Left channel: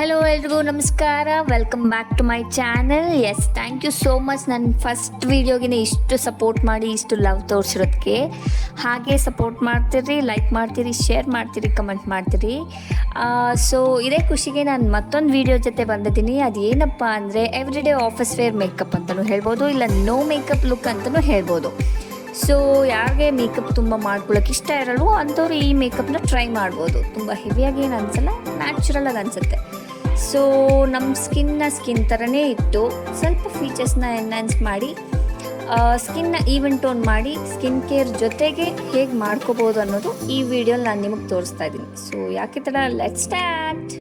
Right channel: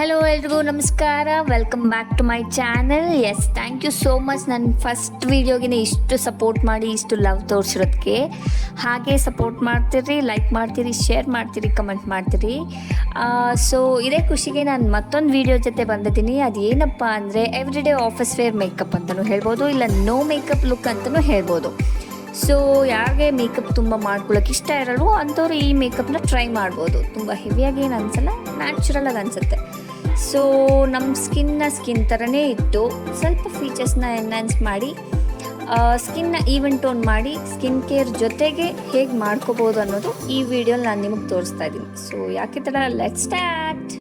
Hello ಎಲ್ರಿಗೂ ನಮಸ್ಕಾರ, welcome back to my channel. Yes, thank you so much ನನ್ನ first ವೀಡಿಯೋಗಿನ ಇಷ್ಟು ಸಪೋರ್ಟ್ ಮಾಡಿ, ಇಷ್ಟು ಲವ್ ತೋರಿಸಿರೋದಕ್ಕೆ. ಹಾಗೆ ಸಪೋರ್ಟ್ ಮಾಡ್ತೀರಿ, ಲೈಕ್ ಮಾಡ್ತೀರಿ, ಶೇರ್ ಮಾಡ್ತೀರಿ, ಕಮೆಂಟ್ ಮಾಡ್ತೀರಿ. ಸೊ ಇದೇ ಖುಷಿಗೆ ನಾನು ಮತ್ತೊಂದು ವೀಡಿಯೋ ಜೊತೆ ಬಂದಿದ್ದೀನಿ. ಅದೇನಪ್ಪ ಅಂದರೆ every day office wear makeup ಅಂತಲೂ ಹೇಳ್ಬೋದು, ಇಲ್ಲ ನೋ ಮೇಕಪ್ ಲುಕ್ ಅಂತಲೂ ಹೇಳ್ಬೋದು. ಸೊ ಯಾರಿಗೆ ಮೇಕಪ್ ತುಂಬ ಮಾಡ್ಕೊಳ್ಳೋಕೆ ಇಷ್ಟ ಇರಲ್ವೋ ಅಂಥವ್ರು ಈ ಮೇಕಪ್ನ ಟ್ರೈ ಮಾಡ್ಬೋದು. ತುಂಬ ಹೆವಿಯಾಗಿ ಏನು ಅನಿಸಲ್ಲ, ನ್ಯಾಚುರಲಾಗಿ ಅನಿಸುತ್ತೆ. ಸೊ ನಮ್ಮ ಸ್ಕಿನ್ ಥರನೇ ಇಟ್ಟು ಸ್ವಲ್ಪ ಫೀಚರ್ಸ್ನ ಎನ್ಹ್ಯಾನ್ಸ್ ಮಾಡಿ ಸ್ಕಿನ್ನ ಈವೆನ್ ಟೋನ್ ಮಾಡಿ ಸ್ಕಿನ್ ಕೇರ್ ಜೊತೆಗೆ ಹೇಗೆ ಮಾಡ್ಕೋಬೋದು ಅನ್ನೋದು ಈ ವಿಡಿಯೋ ನಾನು ನಿಮಗೆ ತೋರಿಸ್ತಾ ಇದ್ದೀನಿ. ಸೊ ಯಾಕಿದ್ರೆ ಲೆಟ್ಸ್ ಸ್ಟಾರ್ಟ್.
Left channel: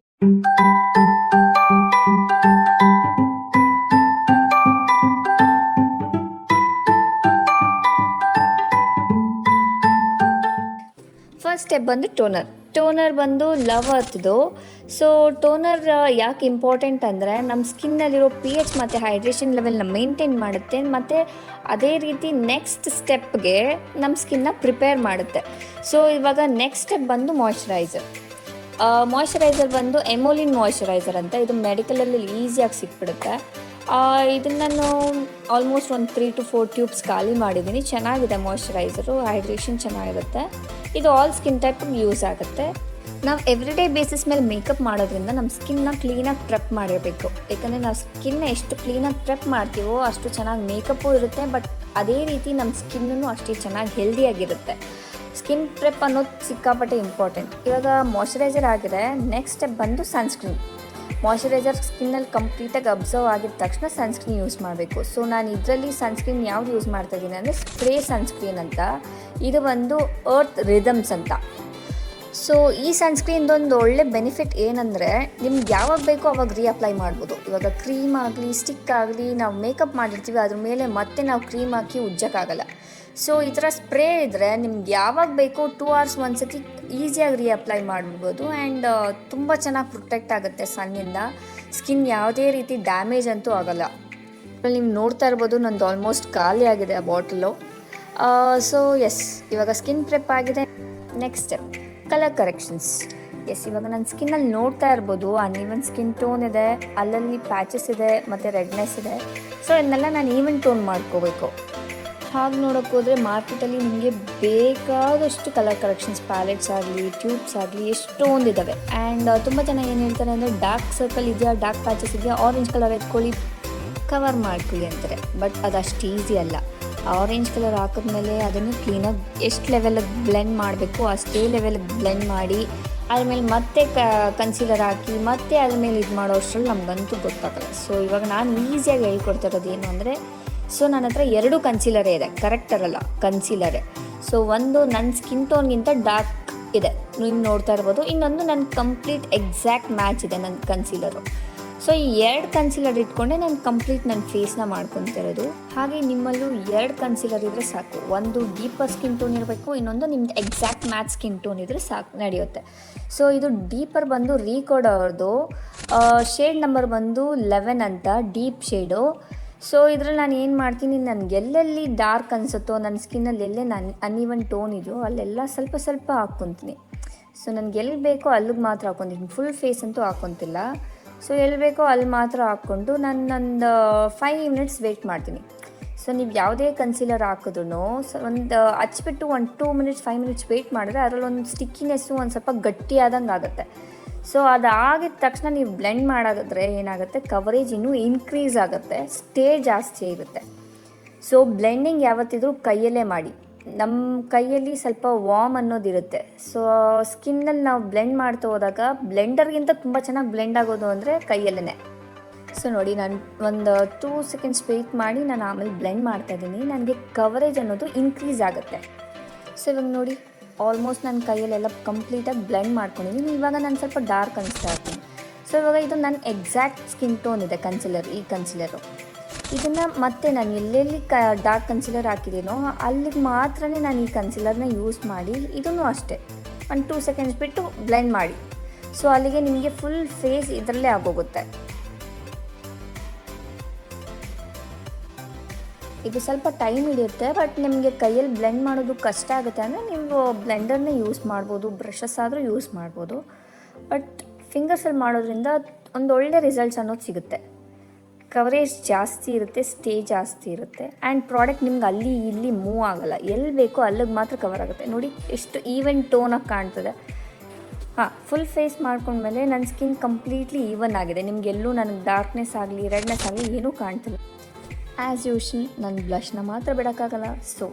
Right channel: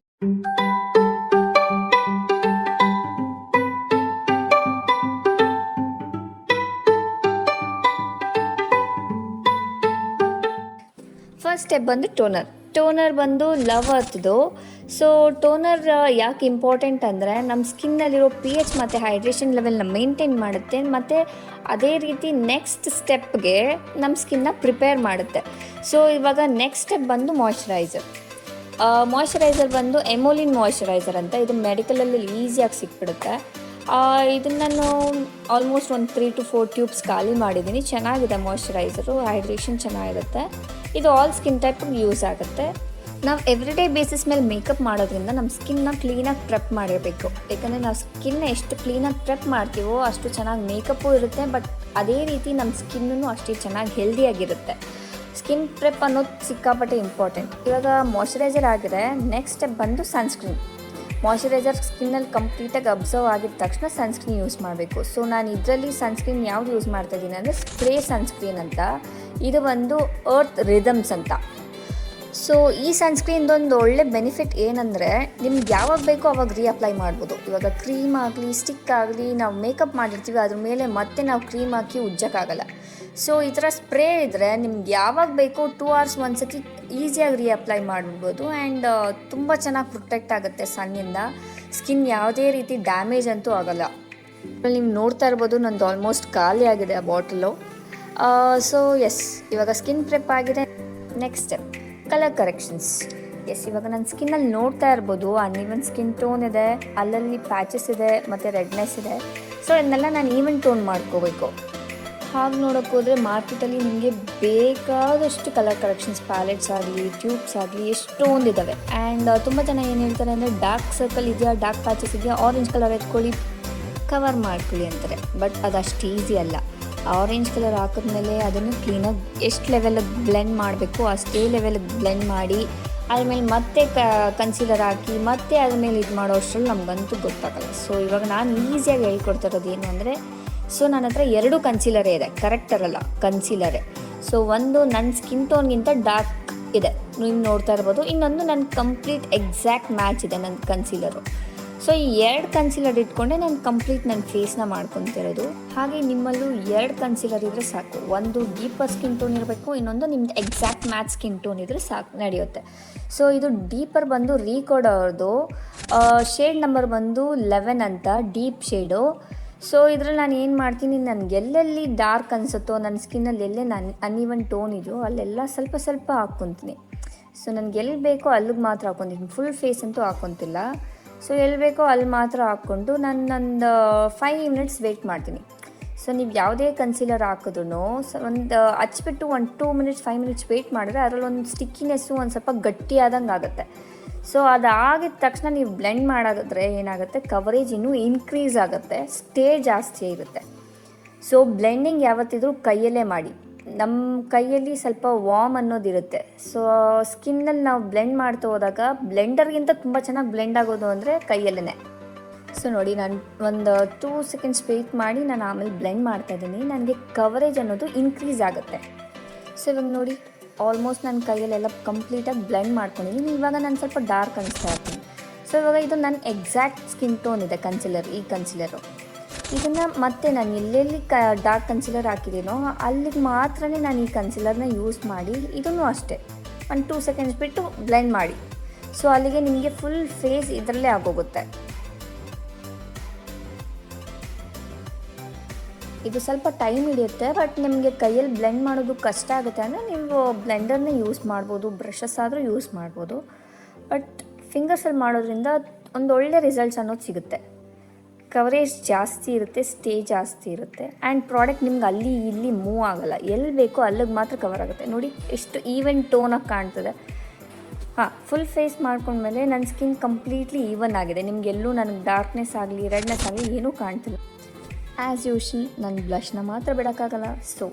ಫಸ್ಟ್ ಸ್ಟೆಪ್ ಬಂದು ಟೋನರ್ ಬಂದು ಲವ್ ಅರ್ಥದ್ದು. ಸೊ ಟೋನರ್ ಯಾಕೆ ಇಂಪಾರ್ಟೆಂಟ್ ಅಂದರೆ ನಮ್ಮ ಸ್ಕಿನ್ನಲ್ಲಿರೋ pH ಮತ್ತು ಹೈಡ್ರೇಷನ್ ಲೆವೆಲ್ನ ಮೇಂಟೈನ್ ಮಾಡುತ್ತೆ, ಮತ್ತು ಅದೇ ರೀತಿ ನೆಕ್ಸ್ಟ್ ಸ್ಟೆಪ್ಗೆ ನಮ್ಮ ಸ್ಕಿನ್ನ ಪ್ರಿಪೇರ್ ಮಾಡುತ್ತೆ. ಸೊ ಇವಾಗ ನೆಕ್ಸ್ಟ್ ಸ್ಟೆಪ್ ಬಂದು ಮಾಯ್ಶ್ಚರೈಸರ್ ಬಂದು ಎಮೋಲಿನ್ ಮಾಯ್ಶ್ಚರೈಸರ್ ಅಂತ. ಇದು ಮೆಡಿಕಲಲ್ಲಿ ಈಸಿಯಾಗಿ ಸಿಕ್ಬಿಡುತ್ತೆ. ಇದನ್ನು ನಾನು ಆಲ್ಮೋಸ್ಟ್ ಒಂದು 3 to 4 ಟ್ಯೂಬ್ಸ್ ಖಾಲಿ ಮಾಡಿದ್ದೀನಿ. ಚೆನ್ನಾಗಿದೆ ಮಾಯ್ಶ್ಚರೈಸರು, ಹೈಡ್ರೇಷನ್ ಚೆನ್ನಾಗಿರುತ್ತೆ. ಇದು ಆಲ್ ಸ್ಕಿನ್ ಟೈಪ್ ಯೂಸ್ ಆಗುತ್ತೆ. ನಾವು ಎವ್ರಿ ಡೇ ಬೇಸಿಸ್ ಮೇಲೆ ಮೇಕಪ್ ಮಾಡೋದ್ರಿಂದ ನಮ್ಮ ಸ್ಕಿನ್ನ ಕ್ಲೀನಾಗಿ ಪ್ರೆಪ್ ಮಾಡಿರಬೇಕು. ಯಾಕಂದರೆ ನಾವು ಸ್ಕಿನ್ನ ಎಷ್ಟು ಕ್ಲೀನಾಗಿ ಪ್ರೆಪ್ ಮಾಡ್ತೀವೋ ಅಷ್ಟು ಚೆನ್ನಾಗಿ ಮೇಕಪ್ಪು ಇರುತ್ತೆ, ಬಟ್ ಅದೇ ರೀತಿ ನಮ್ಮ ಸ್ಕಿನ್ನೂ ಅಷ್ಟೇ ಚೆನ್ನಾಗಿ ಹೆಲ್ದಿಯಾಗಿರುತ್ತೆ. ಸ್ಕಿನ್ ಪ್ರೆಪ್ ಅನ್ನೋದು ಸಿಕ್ಕಾಪಟ್ಟೆ ಇಂಪಾರ್ಟೆಂಟ್. ಇವಾಗ ಮಾಯ್ಶ್ಚರೈಸರ್ ಆಗಿದೆ, ನೆಕ್ಸ್ಟ್ ಸ್ಟೆಪ್ ಬಂದು ಸನ್ಸ್ಕ್ರೀನ್. ಮಾಯ್ಶ್ಚರೈಸರ್ ಸ್ಕಿನ್ನಲ್ಲಿ ಕಂಪ್ಲೀಟಾಗಿ ಅಬ್ಸರ್ವ್ ಆಗಿದ ತಕ್ಷಣ ಸನ್ಸ್ಕ್ರೀನ್ ಯೂಸ್ ಮಾಡಬೇಕು. ಸೊ ನಾನು ಇದರಲ್ಲಿ ಸನ್ಸ್ಕ್ರೀನ್ ಯಾವ್ದು ಯೂಸ್ ಮಾಡ್ತಾ ಇದ್ದೀನಿ ಅಂದರೆ ಸ್ಪ್ರೇ ಸನ್ಸ್ಕ್ರೀನ್ ಅಂತ. ಇದು ಒಂದು ಅರ್ತ್ ರಿದಮ್ಸ್ ಅಂತ. ಸೊ ಈ ಸನ್ಸ್ಕ್ರೀನ್ದೊಂದು ಒಳ್ಳೆ ಬೆನಿಫಿಟ್ ಏನಂದರೆ ನಿಮ್ಗೆ ಯಾವಾಗ ಬೇಕೋ ಅವಾಗ ರೀಅಪ್ಲೈ ಮಾಡ್ಬೋದು. ಇವಾಗ ಕ್ರೀಮ್ ಆಗಲಿ ಸ್ಟಿಕ್ ಆಗಲಿ ನಾವು ಮೇಕಪ್ ಮಾಡಿರ್ತೀವಿ, ಅದ್ರ ಮೇಲೆ ಮತ್ತೆ ನಾವು ಕ್ರೀಮ್ ಹಾಕಿ ಉಜ್ಜೋಕ್ಕಾಗಲ್ಲ. ಸೊ ಈ ಥರ ಸ್ಪ್ರೇ ಇದ್ದರೆ ನಿಮ್ಗೆ ಯಾವಾಗ ಬೇಕೋ 2 hours ಒಂದ್ಸತಿ ಈಸಿಯಾಗಿ ರೀಅಪ್ಲೈ ಮಾಡ್ಬೋದು. ಆ್ಯಂಡ್ ತುಂಬ ಚೆನ್ನಾಗಿ ಪ್ರೊಟೆಕ್ಟ್ ಆಗುತ್ತೆ ಸನ್ನಿಂದ. ಸ್ಕಿನ್ ಯಾವುದೇ ರೀತಿ ಡ್ಯಾಮೇಜ್ ಅಂತೂ ಆಗೋಲ್ಲ. ನೀವು ನೋಡ್ತಾ ಇರ್ಬೋದು ನಂದು ಆಲ್ಮೋಸ್ಟ್ ಖಾಲಿ ಆಗಿದೆ ಬಾಟಲು. ಸೊ ಎಸ್, ಇವಾಗ ಸ್ಕಿನ್ ಪ್ರೆಪ್ ಆಗಿದೆ. Next step colour corrections. Yes, ಇವಾಗ ನನ್ನ ಸ್ಕಿನ್ನಲ್ಲಿ ನೋಡ್ತಾ ಇರ್ಬೋದು ಅನ್ಈವನ್ ಸ್ಕಿನ್ ಟೋನ್ ಇದೆ, ಅಲ್ಲಲ್ಲಿ ಪ್ಯಾಚಸ್ ಇದೆ ಮತ್ತು ರೆಡ್ನೆಸ್ ಇದೆ. ಸೊ ಇದನ್ನೆಲ್ಲ ನಾನು ಈವನ್ ಟೋನ್ ಮಾಡ್ಕೋಬೇಕು. ಹಾಗೆ ನೋಡೋಕ್ಕೆ ಹೋದರೆ ಮಾರ್ಕೆಟಲ್ಲಿ ನಿಮಗೆ ಬೇಕಾದಷ್ಟು ಕಲರ್ ಕರೆಕ್ಷನ್ಸ್ ಪ್ಯಾಲೆಟ್ಸ್ ಆಗಲಿ ಟ್ಯೂಬ್ಸ್ ಆಗಲಿ ಎಷ್ಟೊಂದು ಇದ್ದಾವೆ. ಆ್ಯಂಡ್ ತುಂಬ ಜನ ಏನು ಹೇಳ್ತಾರೆ ಅಂದರೆ ಡಾರ್ಕ್ ಸರ್ಕಲ್ ಇದೆಯಾ, ಡಾರ್ಕ್ ಪ್ಯಾಚಸ್ ಇದೆಯಾ, ಆರೆಂಜ್ ಕಲರ್ ಎತ್ಕೊಳ್ಳಿ ಕವರ್ ಮಾಡ್ಕೊಳ್ಳಿ ಅಂತಾರೆ. ಬಟ್ ಅದಷ್ಟು ಈಸಿ ಅಲ್ಲ. ಆರೆಂಜ್ ಕಲರ್ ಹಾಕಿದ್ಮೇಲೆ ಅದನ್ನು ಕ್ಲೀನಾಗಿ ಎಷ್ಟು ಲೆವೆಲಿಗೆ ಬ್ಲೆಂಡ್ ಮಾಡಬೇಕು ಅಷ್ಟೇ ಲೆವೆಲಿಗೆ ಬ್ಲೆಂಡ್ ಮಾಡಿ ಆದಮೇಲೆ ಮತ್ತೆ ಕನ್ಸೀಲರ್ ಹಾಕಿ ಮತ್ತೆ ಅದ್ಮೇಲೆ ಇದು ಮಾಡೋ ಅಷ್ಟರಲ್ಲಿ ನಮಗಂತೂ ಗೊತ್ತಾಗಲ್ಲ. ಸೊ ಇವಾಗ ನಾನು ಈಸಿಯಾಗಿ ಹೇಳ್ಕೊಡ್ತಾ ಇರೋದು ಏನು ಅಂದರೆ, ಸೊ ನನ್ನ ಹತ್ರ 2 ಕನ್ಸೀಲರೇ ಇದೆ, ಕರೆಕ್ಟ್ ಆಗಲ್ಲ ಕನ್ಸೀಲರೇ. ಸೊ ಒಂದು ನನ್ನ ಸ್ಕಿನ್ ಟೋನ್ಗಿಂತ ಡಾರ್ಕ್ ಇದೆ, ನೀವು ನೋಡ್ತಾ ಇರ್ಬೋದು. ಇನ್ನೊಂದು ನನ್ನ ಕಂಪ್ಲೀಟ್ ಎಕ್ಸಾಕ್ಟ್ ಮ್ಯಾಚ್ ಇದೆ ನನ್ನ ಕನ್ಸೀಲರು. ಸೊ ಈ 2 ಕನ್ಸೀಲರ್ ಇಟ್ಕೊಂಡೆ ನಾನು ಕಂಪ್ಲೀಟ್ ನನ್ನ ಫೇಸ್ನ ಮಾಡ್ಕೊತಿರೋದು. ಹಾಗೆ ನಿಮ್ಮಲ್ಲೂ 2 ಕನ್ಸೀಲರ್ ಇದ್ದರೆ ಸಾಕು. ಒಂದು ಡೀಪರ್ ಸ್ಕಿನ್ ಟೋನ್ ಇರಬೇಕು, ಇನ್ನೊಂದು ನಿಮ್ದು ಎಕ್ಸಾಕ್ಟ್ ಮ್ಯಾಚ್ ಸ್ಕಿನ್ ಟೋನ್ ಇದ್ದರೆ ಸಾಕು, ನಡೆಯುತ್ತೆ. ಸೊ ಇದು ಡೀಪರ್ ಬಂದು ರೀಕೋಡ್ ಅವ್ರದ್ದು, ಶೇಡ್ ನಂಬರ್ ಬಂದು 11 ಅಂತ, ಡೀಪ್ ಶೇಡು. ಸೊ ಇದ್ರಲ್ಲಿ ನಾನು ಏನು ಮಾಡ್ತೀನಿ, ನನಗೆ ಎಲ್ಲೆಲ್ಲಿ ಡಾರ್ಕ್ ಅನಿಸುತ್ತೋ ನನ್ನ ಸ್ಕಿನ್ನಲ್ಲಿ ಎಲ್ಲೇ ನಾನು ಅನ್ಈವನ್ ಟೋನ್ ಇದೆಯೋ ಅಲ್ಲೆಲ್ಲ ಸ್ವಲ್ಪ ಸ್ವಲ್ಪ ಹಾಕ್ಕೊತೀನಿ. ಸೊ ನನಗೆ ಎಲ್ಲಿ ಬೇಕೋ ಅಲ್ಲಿಗೆ ಮಾತ್ರ ಹಾಕ್ಕೊತೀನಿ, ಫುಲ್ ಫೇಸ್ ಅಂತೂ ಹಾಕ್ಕೊತಿಲ್ಲ. ಸೊ ಎಲ್ಲಿ ಬೇಕೋ ಅಲ್ಲಿ ಮಾತ್ರ ಹಾಕ್ಕೊಂಡು ನಾನು 5 minutes ವೆಯ್ಟ್ ಮಾಡ್ತೀನಿ. ಸೊ ನೀವು ಯಾವುದೇ ಕನ್ಸೀಲರ್ ಹಾಕಿದ್ರು ಸೊ ಒಂದು ಹಚ್ಬಿಟ್ಟು ಒಂದು 2 minutes 5 minutes ವೆಯ್ಟ್ ಮಾಡಿದ್ರೆ ಅದರಲ್ಲೊಂದು ಸ್ಟಿಕ್ಕಿನೆಸ್ಸು ಒಂದು ಸ್ವಲ್ಪ ಗಟ್ಟಿಯಾದಂಗೆ ಆಗುತ್ತೆ. ಸೊ ಅದಾಗಿದ ತಕ್ಷಣ ನೀವು ಬ್ಲೆಂಡ್ ಮಾಡೋದಾದ್ರೆ ಏನಾಗುತ್ತೆ, ಕವರೇಜ್ ಇನ್ನೂ ಇನ್ಕ್ರೀಸ್ ಆಗುತ್ತೆ, ಸ್ಟೇ ಜಾಸ್ತಿ ಇರುತ್ತೆ. ಸೊ ಬ್ಲೆಂಡಿಂಗ್ ಯಾವತ್ತಿದ್ರೂ ಕೈಯಲ್ಲೇ ಮಾಡಿ. ನಮ್ಮ ಕೈಯಲ್ಲಿ ಸ್ವಲ್ಪ ವಾರ್ಮ್ ಅನ್ನೋದಿರುತ್ತೆ. ಸೊ ಸ್ಕಿನ್ನಲ್ಲಿ ನಾವು ಬ್ಲೆಂಡ್ ಮಾಡ್ತಾ ಹೋದಾಗ ಬ್ಲೆಂಡರ್ಗಿಂತ ತುಂಬ ಚೆನ್ನಾಗಿ ಬ್ಲೆಂಡ್ ಆಗೋದು ಅಂದರೆ ಕೈಯಲ್ಲೇ. ಸೊ ನೋಡಿ, ನಾನು ಒಂದು 2 seconds ವೆಯ್ಟ್ ಮಾಡಿ ನಾನು ಆಮೇಲೆ ಬ್ಲೆಂಡ್ ಮಾಡ್ತಾಯಿದ್ದೀನಿ. ನನಗೆ ಕವರೇಜ್ ಅನ್ನೋದು ಇನ್ಕ್ರೀಸ್ ಆಗುತ್ತೆ. ಸೊ ಇವಾಗ ನೋಡಿ, ಆಲ್ಮೋಸ್ಟ್ ನನ್ನ ಕೈಯಲ್ಲೆಲ್ಲ ಕಂಪ್ಲೀಟಾಗಿ ಬ್ಲೆಂಡ್ ಮಾಡ್ಕೊಂಡಿದ್ದೀನಿ. ಇವಾಗ ನಾನು ಸ್ವಲ್ಪ ಡಾರ್ಕ್ ಅನಿಸ್ತಾ ಇರ್ತೀನಿ. ಸೊ ಇವಾಗ ಇದು ನನ್ನ ಎಕ್ಸಾಕ್ಟ್ ಸ್ಕಿನ್ ಟೋನ್ ಇದೆ ಕನ್ಸಿಲರ್, ಈ ಕನ್ಸಿಲರು. ಇದನ್ನು ಮತ್ತೆ ನಾನು ಎಲ್ಲೆಲ್ಲಿ ಡಾರ್ಕ್ ಕನ್ಸಿಲರ್ ಹಾಕಿದ್ದೀನೋ ಅಲ್ಲಿಗೆ ಮಾತ್ರ ನಾನು ಈ ಕನ್ಸಿಲರ್ನ ಯೂಸ್ ಮಾಡಿ ಇದನ್ನು ಅಷ್ಟೇ ಒಂದು 2 seconds ಬಿಟ್ಟು ಬ್ಲೆಂಡ್ ಮಾಡಿ. ಸೊ ಅಲ್ಲಿಗೆ ನಿಮಗೆ ಫುಲ್ ಫೇಸ್ ಇದರಲ್ಲೇ ಆಗೋಗುತ್ತೆ. ಇದು ಸ್ವಲ್ಪ ಟೈಮ್ ಹಿಡಿಯುತ್ತೆ, ಬಟ್ ನಿಮಗೆ ಕೈಯಲ್ಲಿ ಬ್ಲೆಂಡ್ ಮಾಡೋದು ಕಷ್ಟ ಆಗುತ್ತೆ ಅಂದರೆ ನೀವು ಬ್ಲೆಂಡರ್ನ ಯೂಸ್ ಮಾಡ್ಬೋದು, ಬ್ರಷಸ್ ಆದರೂ ಯೂಸ್ ಮಾಡ್ಬೋದು. ಬಟ್ ಫಿಂಗರ್ಸಲ್ಲಿ ಮಾಡೋದ್ರಿಂದ ಒಂದು ಒಳ್ಳೆ ರಿಸಲ್ಟ್ಸ್ ಅನ್ನೋದು ಸಿಗುತ್ತೆ. ಕವರೇಜ್ ಜಾಸ್ತಿ ಇರುತ್ತೆ, ಸ್ಟೇ ಜಾಸ್ತಿ ಇರುತ್ತೆ, ಆ್ಯಂಡ್ ಪ್ರಾಡಕ್ಟ್ ನಿಮ್ಗೆ ಅಲ್ಲಿ ಇಲ್ಲಿ ಮೂವ್ ಆಗೋಲ್ಲ. ಎಲ್ಲಿ ಬೇಕೋ ಅಲ್ಲಿಗೆ ಮಾತ್ರ ಕವರ್ ಆಗುತ್ತೆ. ನೋಡಿ ಎಷ್ಟು ಈವನ್ ಟೋನಾಗಿ ಕಾಣ್ತದೆ. ಫುಲ್ ಫೇಸ್ ಮಾಡ್ಕೊಂಡ್ಮೇಲೆ ನನ್ನ ಸ್ಕಿನ್ ಕಂಪ್ಲೀಟ್ಲಿ ಈವನ್ ಆಗಿದೆ. ನಿಮಗೆಲ್ಲೂ ನನಗೆ ಡಾರ್ಕ್ನೆಸ್ ಆಗಲಿ ರೆಡ್ನೆಸ್ ಆಗಲಿ ಏನೂ ಕಾಣ್ತಿಲ್ಲ. ಆ್ಯಸ್ ಯೂಶಲ್ ನಾನು ಬ್ಲಷ್ನ ಮಾತ್ರ ಬಿಡೋಕ್ಕಾಗಲ್ಲ, ಸೊ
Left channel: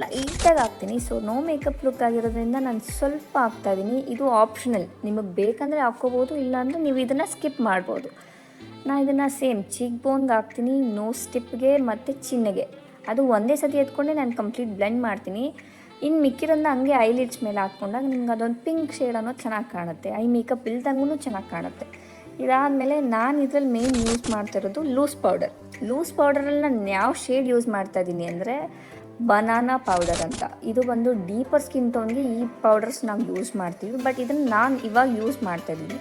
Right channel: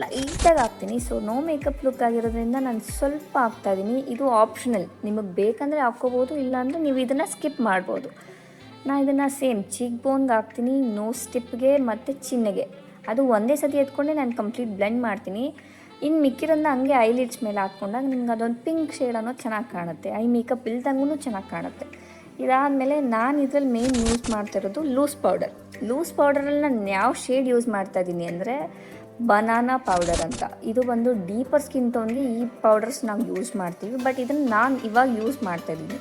ಲೈಟಾಗಿ ಹಾಕ್ತೀನಿ. ಸೊ ನೋ ಮೇಕಪ್ ಲುಕ್ ಆಗಿರೋದ್ರಿಂದ ನಾನು ಸ್ವಲ್ಪ ಹಾಕ್ತಾಯಿದ್ದೀನಿ. ಇದು ಆಪ್ಷನಲ್, ನಿಮಗೆ ಬೇಕಂದರೆ ಹಾಕ್ಕೋಬೋದು, ಇಲ್ಲಾಂದರೆ ನೀವು ಇದನ್ನು ಸ್ಕಿಪ್ ಮಾಡ್ಬೋದು. ನಾನು ಇದನ್ನು ಸೇಮ್ ಚೀಕ್ ಬೋನ್ಗೆ ಹಾಕ್ತೀನಿ, ನೋಸ್ ಟಿಪ್ಗೆ ಮತ್ತು ಚಿನ್ನಿಗೆ. ಅದು ಒಂದೇ ಸತಿ ಎತ್ಕೊಂಡೆ ನಾನು ಕಂಪ್ಲೀಟ್ ಬ್ಲೆಂಡ್ ಮಾಡ್ತೀನಿ. ಇನ್ನು ಮಿಕ್ಕಿರೋದನ್ನ ಹಂಗೆ ಐಲಿಡ್ಸ್ ಮೇಲೆ ಹಾಕ್ಕೊಂಡಾಗ ನಿಮ್ಗೆ ಅದೊಂದು ಪಿಂಕ್ ಶೇಡ್ ಅನ್ನೋದು ಚೆನ್ನಾಗಿ ಕಾಣುತ್ತೆ. ಐ ಮೇಕಪ್ ಇಲ್ದಂಗೂ ಚೆನ್ನಾಗಿ ಕಾಣುತ್ತೆ. ಇದಾದಮೇಲೆ ನಾನು ಇದರಲ್ಲಿ ಮೇನ್ ಯೂಸ್ ಮಾಡ್ತಾ ಇರೋದು ಲೂಸ್ ಪೌಡರಲ್ಲಿ ನಾನು ಯಾವ ಶೇಡ್ ಯೂಸ್ ಮಾಡ್ತಾ ಇದ್ದೀನಿ ಅಂದರೆ ಬನಾನಾ ಪೌಡರ್ ಅಂತ. ಇದು ಬಂದು ಡೀಪರ್ ಸ್ಕಿನ್ ಟೋನ್ಗೆ ಈ ಪೌಡರ್ಸ್ ನಾವು ಯೂಸ್ ಮಾಡ್ತೀವಿ, ಬಟ್ ಇದನ್ನು ನಾನು ಇವಾಗ ಯೂಸ್ ಮಾಡ್ತಾ ಇದ್ದೀನಿ.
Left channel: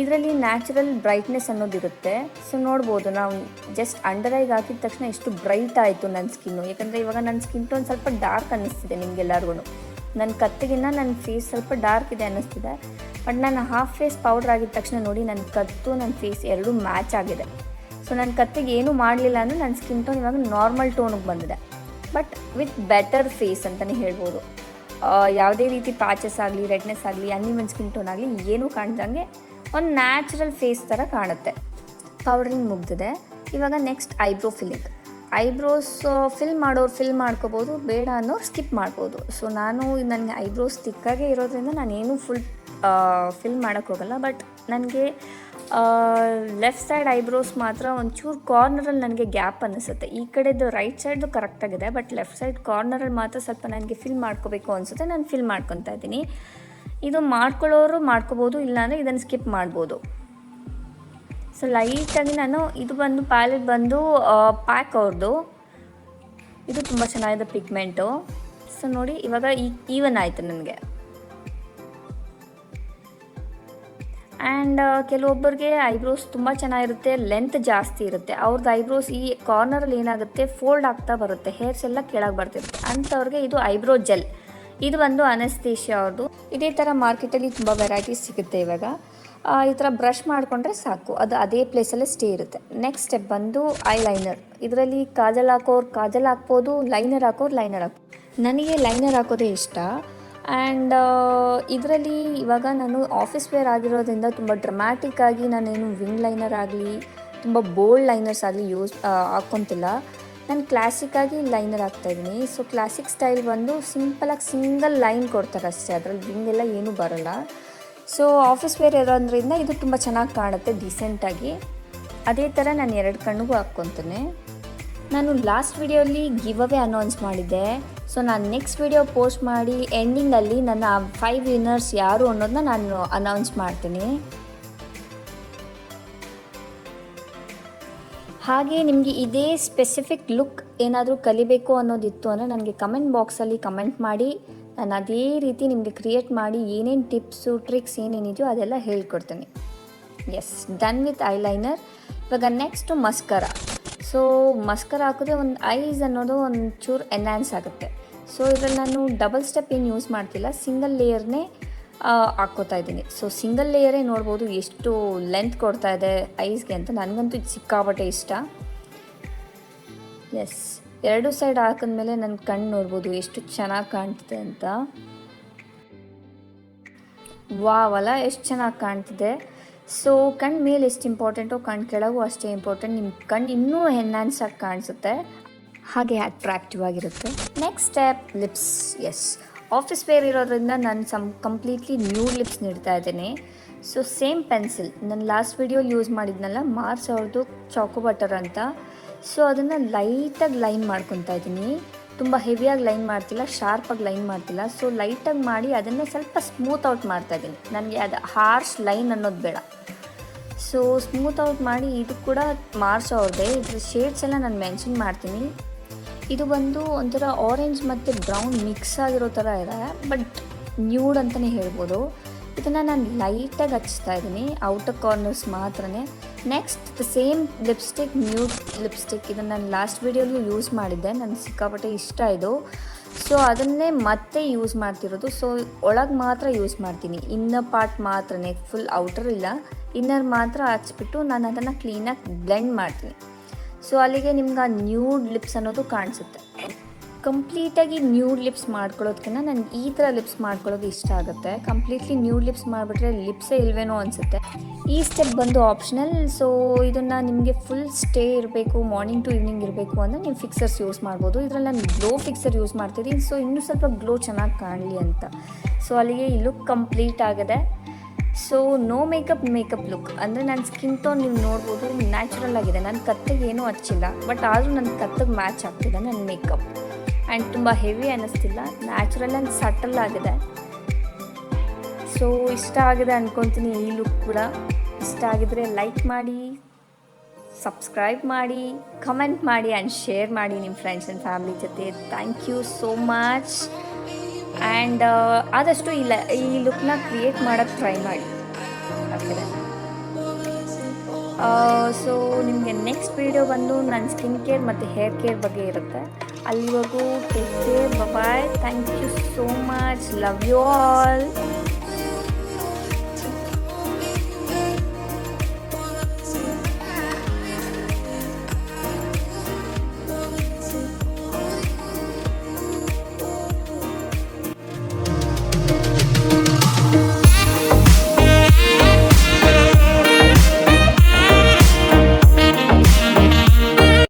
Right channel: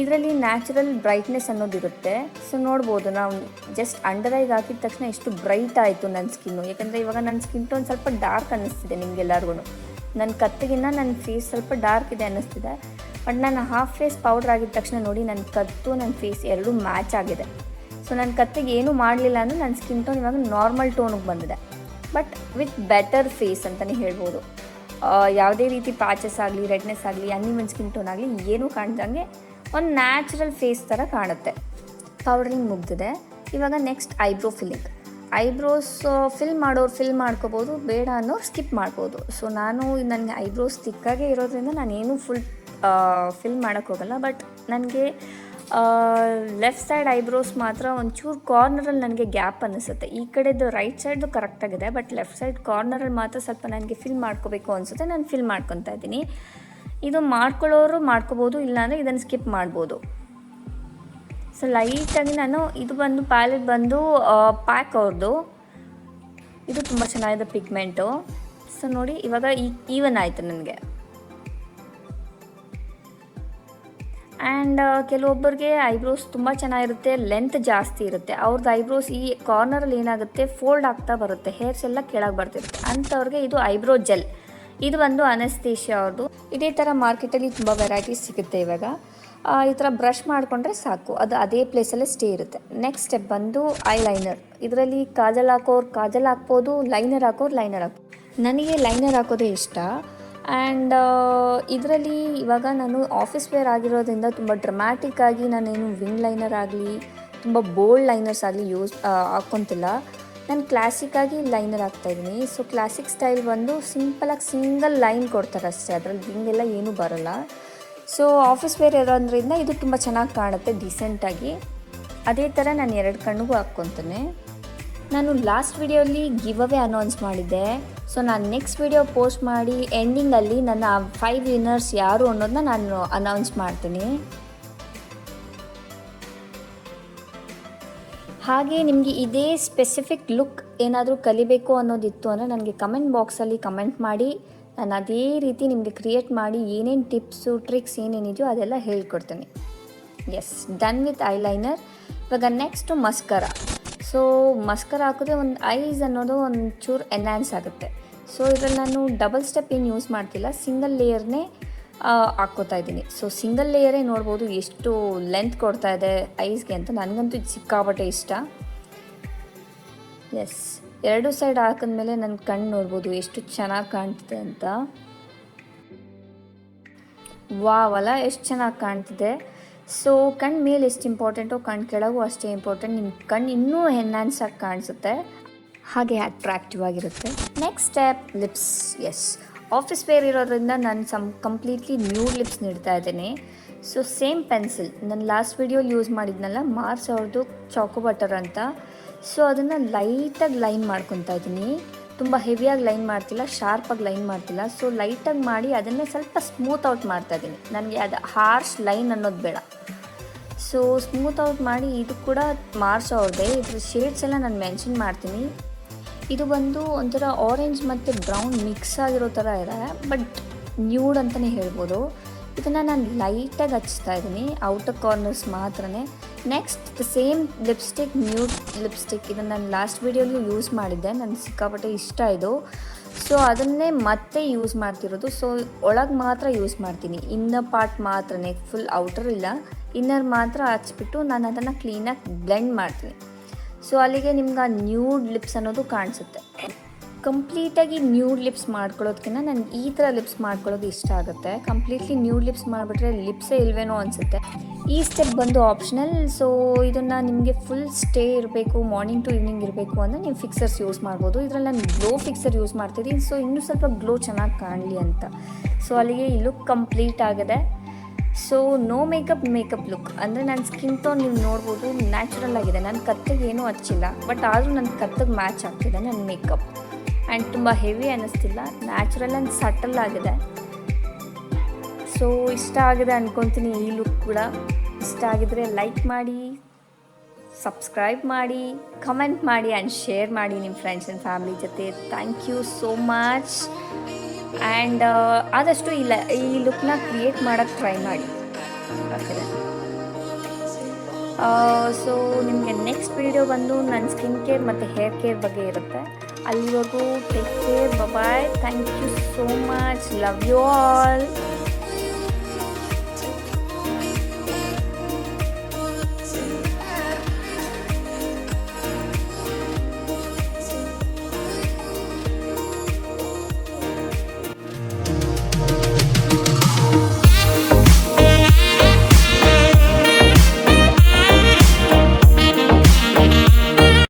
ಇದರಲ್ಲಿ ನ್ಯಾಚುರಲ್ ಬ್ರೈಟ್ನೆಸ್ ಅನ್ನೋದಿರುತ್ತೆ. ಸೊ ನೋಡ್ಬೋದು, ನಾವು ಜಸ್ಟ್ ಅಂಡರ್ ಐಗೆ ಹಾಕಿದ ತಕ್ಷಣ ಎಷ್ಟು ಬ್ರೈಟ್ ಆಯಿತು ನನ್ನ ಸ್ಕಿನ್ನು. ಯಾಕಂದರೆ ಇವಾಗ ನನ್ನ ಸ್ಕಿನ್ ಟೋನ್ ಸ್ವಲ್ಪ ಡಾರ್ಕ್ ಅನ್ನಿಸ್ತಿದೆ ನಿಮಗೆಲ್ಲರಿಗೂ. ನನ್ನ ಕತ್ತಿಗಿನ್ನ ನನ್ನ ಫೇಸ್ ಸ್ವಲ್ಪ ಡಾರ್ಕ್ ಇದೆ ಅನ್ನಿಸ್ತಿದೆ. ಬಟ್ ನಾನು ಹಾಫ್ ಫೇಸ್ ಪೌಡ್ರ್ ಆಗಿದ ತಕ್ಷಣ ನೋಡಿ ನನ್ನ ಕತ್ತು ನನ್ನ ಫೇಸ್ ಎರಡೂ ಮ್ಯಾಚ್ ಆಗಿದೆ. ಸೊ ನನ್ನ ಕತ್ತಿಗೆ ಏನೂ ಮಾಡಲಿಲ್ಲ ಅಂದರೆ ನನ್ನ ಸ್ಕಿನ್ ಟೋನ್ ಇವಾಗ ನಾರ್ಮಲ್ ಟೋನಿಗೆ ಬಂದಿದೆ, ಬಟ್ ವಿತ್ ಬೆಟರ್ ಫೇಸ್ ಅಂತಲೇ ಹೇಳ್ಬೋದು. ಯಾವುದೇ ರೀತಿ ಪ್ಯಾಚಸ್ ಆಗಲಿ ರೆಡ್ನೆಸ್ ಆಗಲಿ ಅನ್ಇವನ್ ಸ್ಕಿನ್ ಟೋನ್ ಆಗಲಿ ಏನೂ ಕಾಣ್ದಂಗೆ ಒಂದು ನ್ಯಾಚುರಲ್ ಫೇಸ್ ಥರ ಕಾಣುತ್ತೆ. ಪೌಡರಿಂಗ್ ಮುಗ್ದಿದೆ. ಇವಾಗ ನೆಕ್ಸ್ಟ್ ಐಬ್ರೋ ಐಬ್ರೋಸ್ ಫಿಲ್ ಮಾಡೋರು ಫಿಲ್ ಮಾಡ್ಕೋಬೋದು, ಬೇಡ ಅನ್ನೋರು ಸ್ಕಿಪ್ ಮಾಡ್ಬೋದು. ಸೊ ನಾನು ನನಗೆ ಐಬ್ರೋಸ್ ತಿಕ್ಕಾಗೆ ಇರೋದ್ರಿಂದ ನಾನೇನು ಫಿಲ್ ಮಾಡೋಕ್ಕೆ ಹೋಗಲ್ಲ. ಬಟ್ ನನಗೆ ಲೆಫ್ಟ್ ಸೈಡ್ ಐಬ್ರೋಸ್ ಮಾತ್ರ ಒಂಚೂರು ಕಾರ್ನರಲ್ಲಿ ನನಗೆ ಗ್ಯಾಪ್ ಅನ್ನಿಸುತ್ತೆ. ಈ ಕಡೆದು ರೈಟ್ ಸೈಡ್ದು ಕರೆಕ್ಟಾಗಿದೆ, ಬಟ್ ಲೆಫ್ಟ್ ಸೈಡ್ ಕಾರ್ನರಲ್ಲಿ ಮಾತ್ರ ಸ್ವಲ್ಪ ನನಗೆ ಫಿಲ್ ಮಾಡ್ಕೋಬೇಕು ಅನಿಸುತ್ತೆ. ನಾನು ಫಿಲ್ ಮಾಡ್ಕೊತಾ ಇದ್ದೀನಿ. ಇದು ಮಾಡ್ಕೊಳ್ಳೋರು ಮಾಡ್ಕೋಬೋದು, ಇಲ್ಲಾಂದರೆ ಇದನ್ನು ಸ್ಕಿಪ್ ಮಾಡ್ಬೋದು. ಸೊ ಲೈಟಾಗಿ ನಾನು ಇದು ಬಂದು ಪ್ಯಾಲೆಟ್ ಬಂದು ಪ್ಯಾಕ್ ಅವ್ರದ್ದು. ಇದು ತುಂಬ ಚೆನ್ನಾಗಿದೆ ಪಿಗ್ಮೆಂಟು. ಸೊ ನೋಡಿ ಇವಾಗ ಈವನ್ ಆಯಿತು ನನಗೆ. ಆ್ಯಂಡ್ ಕೆಲವೊಬ್ಬರಿಗೆ ಐಬ್ರೋಸ್ ತುಂಬ ಚೆನ್ನಾಗಿರುತ್ತೆ, ಲೆಂತ್ ಜಾಸ್ತಿ ಇರುತ್ತೆ. ಅವ್ರದ್ದು ಐಬ್ರೋಸ್ ಈ ಕಾರ್ನರಲ್ಲಿ ಏನಾಗುತ್ತೆ ಫೋಲ್ಡ್ ಆಗ್ತಾ ಬರುತ್ತೆ, ಹೇರ್ಸ್ ಎಲ್ಲ ಕೆಳಗೆ ಬರ್ತಿರುತ್ತೆ. ಅಂಥವ್ರಿಗೆ ಇದು ಐಬ್ರೋ ಜೆಲ್. ಇದು ಒಂದು ಅನಸ್ತೇಶಿಯಾ ಅವ್ರದ್ದು. ಇದೇ ಥರ ಮಾರ್ಕೆಟಲ್ಲಿ ತುಂಬ ವೆರೈಟೀಸ್ ಸಿಗುತ್ತೆ. ಇವಾಗ ಈ ಥರ ಬ್ರಷ್ ಮಾಡಿಕೊಂಡ್ರೆ ಸಾಕು, ಅದು ಅದೇ ಪ್ಲೇಸಲ್ಲೇ ಸ್ಟೇ ಇರುತ್ತೆ. ನೆಕ್ಸ್ಟ್ ಸ್ಟೆಪ್ ಬಂದು ಐಲೈನರ್. ಇದರಲ್ಲಿ ಕಾಜಲ್ ಹಾಕ್ಬೋದು, ಲೈನರ್ ಹಾಕ್ಬೋದು. ನನಗೆ ಲೈನರ್ ಹಾಕೋದೇ ಇಷ್ಟ. ಆ್ಯಂಡ್ ಇದರಲ್ಲಿ ಇವಾಗ ನಾನು ಆಫೀಸ್ ವೇರ್ ಆಗಿರೋದ್ರಿಂದ ತುಂಬ ಡ್ರಮ್ಯಾಟಿಕ್ ಆಗಿ ನಾನೇನು ವಿಂಗ್ ಲೈನರ್ ಆಗಲಿ ತುಂಬ ಬೋಲ್ಡ್ ಲೈನರ್ಸ್ ಆಗಲಿ ಹಾಕ್ಕೊತಿಲ್ಲ. ನಾನು ಕ್ಲಾಸಿಕ್ಕಾಗಿ ಲೈನರ್ ಹಾಕ್ತಾಯಿದ್ದೀನಿ. ಸೊ ಕ್ಲಾಸಿಕ್ ಸ್ಟೈಲ್ ಬಂದು ಸಿಂಪಲಾಗಿ ಸಿಂಗಲ್ ಲೈನ್ ಕೊಡ್ತಾರೆ ಅಷ್ಟೇ, ಅದ್ರಲ್ಲಿ ವಿಂಗೆಲ್ಲ ಏನೂ ಬರೋಲ್ಲ. ಸೊ ಆಫೀಸ್ ವೇರ್ ಇರೋದ್ರಿಂದ ಇದು ತುಂಬ ಚೆನ್ನಾಗಿ ಕಾಣುತ್ತೆ ಡೀಸೆಂಟಾಗಿ. ಅದೇ ಥರ ನಾನು 2 ಕಣ್ಣಿಗೂ ಹಾಕ್ಕೊತೀನಿ. ನಾನು ಲಾಸ್ಟ್ ವಿಡಿಯೋಲಿ ಗಿವ್ ಅವೇ ಅನೌನ್ಸ್ ಮಾಡಿದ್ದೆ. ಸೊ ನಾನು ನೆಕ್ಸ್ಟ್ ವಿಡಿಯೋ ಪೋಸ್ಟ್ ಮಾಡಿ ಎಂಡಿಂಗಲ್ಲಿ ನನ್ನ 5 ವಿನ್ನರ್ಸ್ ಯಾರು ಅನ್ನೋದನ್ನ ನಾನು ಅನೌನ್ಸ್ ಮಾಡ್ತೀನಿ. ಹಾಗೆ ನಿಮಗೆ ಇದೇ ಸ್ಪೆಸಿಫಿಕ್ ಲುಕ್ ಏನಾದರೂ ಕಲಿಬೇಕು ಅನ್ನೋದಿತ್ತು ಅಂದರೆ ನನಗೆ ಕಮೆಂಟ್ ಬಾಕ್ಸಲ್ಲಿ ಕಮೆಂಟ್ ಮಾಡಿ, ನಾನು ಅದೇ ರೀತಿ ನಿಮಗೆ ಕ್ರಿಯೇಟ್ ಮಾಡಿ ಏನೇನು ಟಿಪ್ಸು ಟ್ರಿಕ್ಸ್ ಏನೇನಿದೆಯೋ ಅದೆಲ್ಲ ಹೇಳ್ಕೊಡ್ತೀನಿ. Yes, done with eyeliner. ಇವಾಗ ನೆಕ್ಸ್ಟು ಮಸ್ಕರ. ಸೊ ಮಸ್ಕರ ಹಾಕಿದ್ರೆ ಒಂದು ಐಸ್ ಅನ್ನೋದು ಒಂದು ಚೂರು ಎನ್ಹಾನ್ಸ್ ಆಗುತ್ತೆ. ಸೊ ಇದರಲ್ಲಿ ನಾನು ಡಬಲ್ ಸ್ಟೆಪ್ ಏನು ಯೂಸ್ ಮಾಡ್ತಿಲ್ಲ, ಸಿಂಗಲ್ ಲೇಯರ್ನೇ ಹಾಕ್ಕೋತಾ ಇದ್ದೀನಿ. ಸೊ ಸಿಂಗಲ್ ಲೇಯರೇ ನೋಡ್ಬೋದು ಎಷ್ಟು ಲೆಂತ್ ಕೊಡ್ತಾ ಇದೆ ಐಸ್ಗೆ ಅಂತ. ನನಗಂತೂ ಇದು ಸಿಕ್ಕಾಪಟ್ಟೆ ಇಷ್ಟ. ಎಸ್, 2 ಸೈಡ್ ಹಾಕಿದ್ಮೇಲೆ ನನ್ನ ಕಣ್ಣು ನೋಡ್ಬೋದು ಎಷ್ಟು ಚೆನ್ನಾಗಿ ಕಾಣ್ತಿದೆ ಅಂತ. ವಾವಲ್ಲ, ಎಷ್ಟು ಚೆನ್ನಾಗಿ ಕಾಣ್ತಿದೆ. ಸೊ ಕಣ್ಣು ಮೇಲೆ ಎಷ್ಟು ಇಂಪಾರ್ಟೆಂಟೋ ಕಣ್ಣು ಕೆಳಗೂ ಅಷ್ಟೇ ಇಂಪಾರ್ಟೆಂಟ್. ನಿಮ್ಮ ಕಣ್ಣು ಇನ್ನೂ ಎನ್ಹಾನ್ಸ್ ಆಗಿ ಕಾಣಿಸುತ್ತೆ, ಹಾಗೆ ಅಟ್ರಾಕ್ಟಿವ್ ಆಗಿರುತ್ತೆ. Next step lips. Yes, office wear ಇರೋದ್ರಿಂದ ನಾನು ಕಂಪ್ಲೀಟ್ಲಿ ನ್ಯೂಡ್ ಲಿಪ್ಸ್ ನೀಡ್ತಾ ಇದ್ದೀನಿ. ಸೊ ಸೇಮ್ ಪೆನ್ಸಿಲ್ ನಾನು ಲಾಸ್ಟ್ ವಿಡಿಯೋಲಿ ಯೂಸ್ ಮಾಡಿದ್ನಲ್ಲ, ಮಾರ್ಸ್ ಅವ್ರದ್ದು ಚಾಕೋ ಬಟರ್ ಅಂತ. ಸೊ ಅದನ್ನು ಲೈಟಾಗಿ ಲೈನ್ ಮಾಡ್ಕೊತಾ ಇದ್ದೀನಿ. ತುಂಬ ಹೆವಿಯಾಗಿ ಲೈನ್ ಮಾಡ್ತಿಲ್ಲ, ಶಾರ್ಪಾಗಿ ಲೈನ್ ಮಾಡ್ತಿಲ್ಲ. ಸೊ ಲೈಟಾಗಿ ಮಾಡಿ ಅದನ್ನೇ ಸ್ವಲ್ಪ ಸ್ಮೂತ್ ಔಟ್ ಮಾಡ್ತಾಯಿದ್ದೀನಿ. ನನಗೆ ಅದು ಹಾರ್ಶ್ ಲೈನ್ ಅನ್ನೋದು ಬೇಡ. ಸೊ ಸ್ಮೂತ್ ಔಟ್ ಮಾಡಿ, ಇದು ಕೂಡ ಮಾರ್ಸ್ ಅವ್ರದ್ದೇ. ಇದ್ರ ಶೇಡ್ಸ್ ಎಲ್ಲ ನಾನು ಮೆನ್ಷನ್ ಮಾಡ್ತೀನಿ. ಇದು ಬಂದು ಒಂಥರ ಆರೆಂಜ್ ಮತ್ತು ಬ್ರೌನ್ ಮಿಕ್ಸ್ ಆಗಿರೋ ಥರ ಇದೆ, ಬಟ್ ನ್ಯೂಡ್ ಅಂತಲೇ ಹೇಳ್ಬೋದು. ಇದನ್ನು ನಾನು ಲೈಟಾಗಿ ಹಚ್ತಾ ಇದ್ದೀನಿ, ಔಟರ್ ಕಾರ್ನರ್ಸ್ ಮಾತ್ರನೇ. Next same lipstick, nude lipstick. ಇದನ್ನು ನಾನು ಲಾಸ್ಟ್ ವೀಡಿಯೋಲಿ ಯೂಸ್ ಮಾಡಿದ್ದೆ, ನನಗೆ ಸಿಕ್ಕಾಪಟ್ಟೆ ಇಷ್ಟ ಇದು. ಸೊ ಅದನ್ನೇ ಮತ್ತೆ ಯೂಸ್ ಮಾಡ್ತಿರೋದು. ಸೊ ಒಳಗೆ ಮಾತ್ರ ಯೂಸ್ ಮಾಡ್ತೀನಿ, ಇನ್ನರ್ ಪಾರ್ಟ್ ಮಾತ್ರನೇ, ಫುಲ್ ಔಟರ್ ಇಲ್ಲ, ಇನ್ನರ್ ಮಾತ್ರ ಹಚ್ಬಿಟ್ಟು ನಾನು ಅದನ್ನು ಕ್ಲೀನಾಗಿ ಬ್ಲೆಂಡ್ ಮಾಡ್ತೀನಿ. ಸೊ ಅಲ್ಲಿಗೆ ನಿಮ್ಗೆ ಆ ನ್ಯೂಡ್ ಲಿಪ್ಸ್ ಅನ್ನೋದು ಕಾಣಿಸುತ್ತೆ. ಕಂಪ್ಲೀಟಾಗಿ ನ್ಯೂಡ್ ಲಿಪ್ಸ್ ಮಾಡ್ಕೊಳ್ಳೋದಕ್ಕಿಂತ ನನಗೆ ಈ ಥರ ಲಿಪ್ಸ್ ಮಾಡ್ಕೊಳ್ಳೋದು ಇಷ್ಟ ಆಗುತ್ತೆ. ಕಂಪ್ಲೀಟ್ಲಿ ನ್ಯೂಡ್ ಲಿಪ್ಸ್ ಮಾಡಿಬಿಟ್ರೆ ಲಿಪ್ಸೇ ಇಲ್ವೇನೋ ಅನಿಸುತ್ತೆ. ಈ ಸ್ಟೆಪ್ ಬಂದು ಆಪ್ಷನಲ್. ಸೊ ಇದನ್ನು ನಿಮಗೆ ಫುಲ್ ಸ್ಟೇ ಇರಬೇಕು, ಮಾರ್ನಿಂಗ್ ಟು ಈವ್ನಿಂಗ್ ಇರಬೇಕು ಅಂದರೆ ನೀವು ಫಿಕ್ಸರ್ಸ್ ಯೂಸ್ ಮಾಡ್ಬೋದು. ಇದರಲ್ಲಿ ನಾನು ಗ್ಲೋ ಫಿಕ್ಸರ್ ಯೂಸ್ ಮಾಡ್ತೀನಿ, ಸೊ ಇನ್ನೂ ಸ್ವಲ್ಪ ಗ್ಲೋ ಚೆನ್ನಾಗಿ ಕಾಣಲಿ ಅಂತ. ಸೊ ಅಲ್ಲಿಗೆ ಈ ಲುಕ್ ಕಂಪ್ಲೀಟ್ ಆಗಿದೆ. ಸೊ ನೋ ಮೇಕಪ್ ಲುಕ್ ಅಂದರೆ ನನ್ನ ಸ್ಕಿನ್ ಟೋನ್ ನೀವು ನೋಡ್ಬೋದು ನ್ಯಾಚುರಲ್ ಆಗಿದೆ. ನನ್ನ ಕತ್ತಿಗೆ ಏನೂ ಹಚ್ಚಿಲ್ಲ, ಬಟ್ ಆದರೂ ನನ್ನ ಕತ್ತಿಗೆ ಮ್ಯಾಚ್ ಆಗ್ತಿದೆ ನನ್ನ ಮೇಕಪ್. ಆ್ಯಂಡ್ ತುಂಬ ಹೆವಿ ಅನ್ನಿಸ್ತಿಲ್ಲ, ನ್ಯಾಚುರಲ್ ಆ್ಯಂಡ್ ಸಟಲ್ ಆಗಿದೆ. ಸೊ ಇಷ್ಟ ಆಗಿದೆ ಅಂದ್ಕೊತೀನಿ ಈ ಲುಕ್ ಕೂಡ. ಇಷ್ಟ ಆಗಿದ್ರೆ ಲೈಕ್ ಮಾಡಿ, ಸಬ್ಸ್ಕ್ರೈಬ್ ಮಾಡಿ, ಕಮೆಂಟ್ ಮಾಡಿ ಆ್ಯಂಡ್ ಶೇರ್ ಮಾಡಿ ನಿಮ್ಮ ಫ್ರೆಂಡ್ಸ್ ಆ್ಯಂಡ್ ಫ್ಯಾಮಿಲಿ ಜೊತೆ. Thank you so much. And ಆದಷ್ಟು ಈ ಲುಕ್ನ ಕ್ರಿಯೇಟ್ ಮಾಡೋಕ್ಕೆ ಟ್ರೈ ಮಾಡಿ. ಸೊ ನಿಮಗೆ ನೆಕ್ಸ್ಟ್ ವೀಡಿಯೋ ಬಂದು ನನ್ನ ಸ್ಕಿನ್ ಕೇರ್ ಮತ್ತು ಹೇರ್ ಕೇರ್ ಬಗ್ಗೆ ಇರುತ್ತೆ. ಅಲ್ಲಿವರೆಗೂ take care, bye. Thank you so much. Love you all.